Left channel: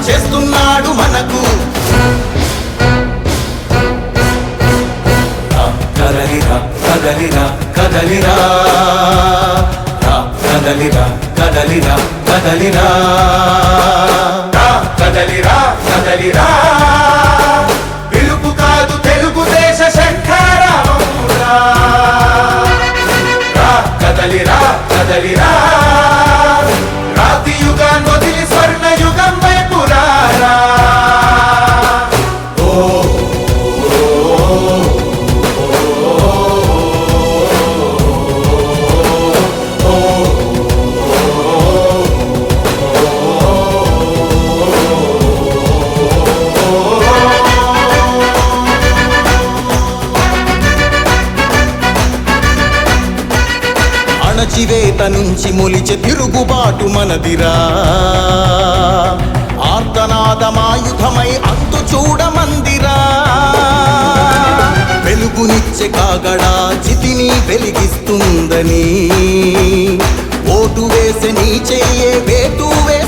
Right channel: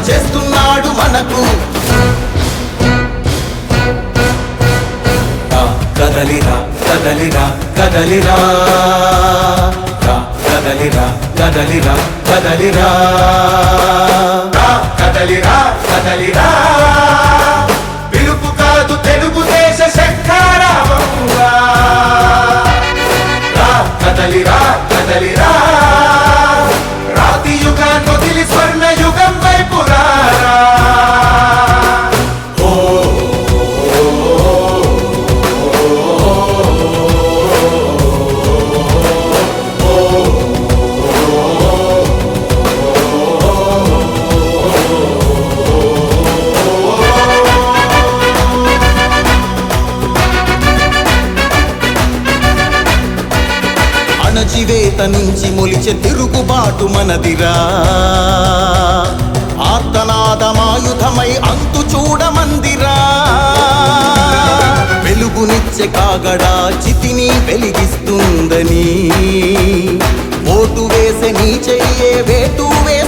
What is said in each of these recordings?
చేస్తున్నాడు మనకు. కదలిరా కదలిరా కదలిరా రా, కదలిరా కదలిరా కదలిరా కదలిరా కదలిరా చేత నుంచి మొలిచే తిరుగుబాటు మనదిరా. ఆర్తనాదమాయుధమై అంతు చూడమందిరా వెలుగునిచ్చే కాగడా చితిని వెలిగిస్తుందని. ఓటు వేసే నీ చెయ్యే వేటు వేస్తుందని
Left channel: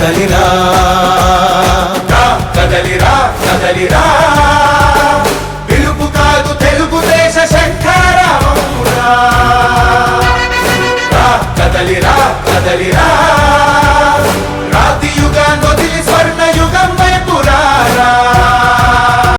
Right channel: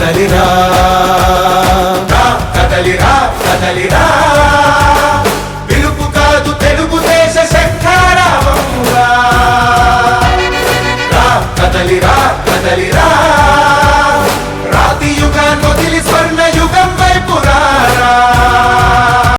కదలిరా. కదలిరా కదలిరా. పిలుపు కాదు తెలుగుదేశ శంకరా కదలిరా కదలిరా.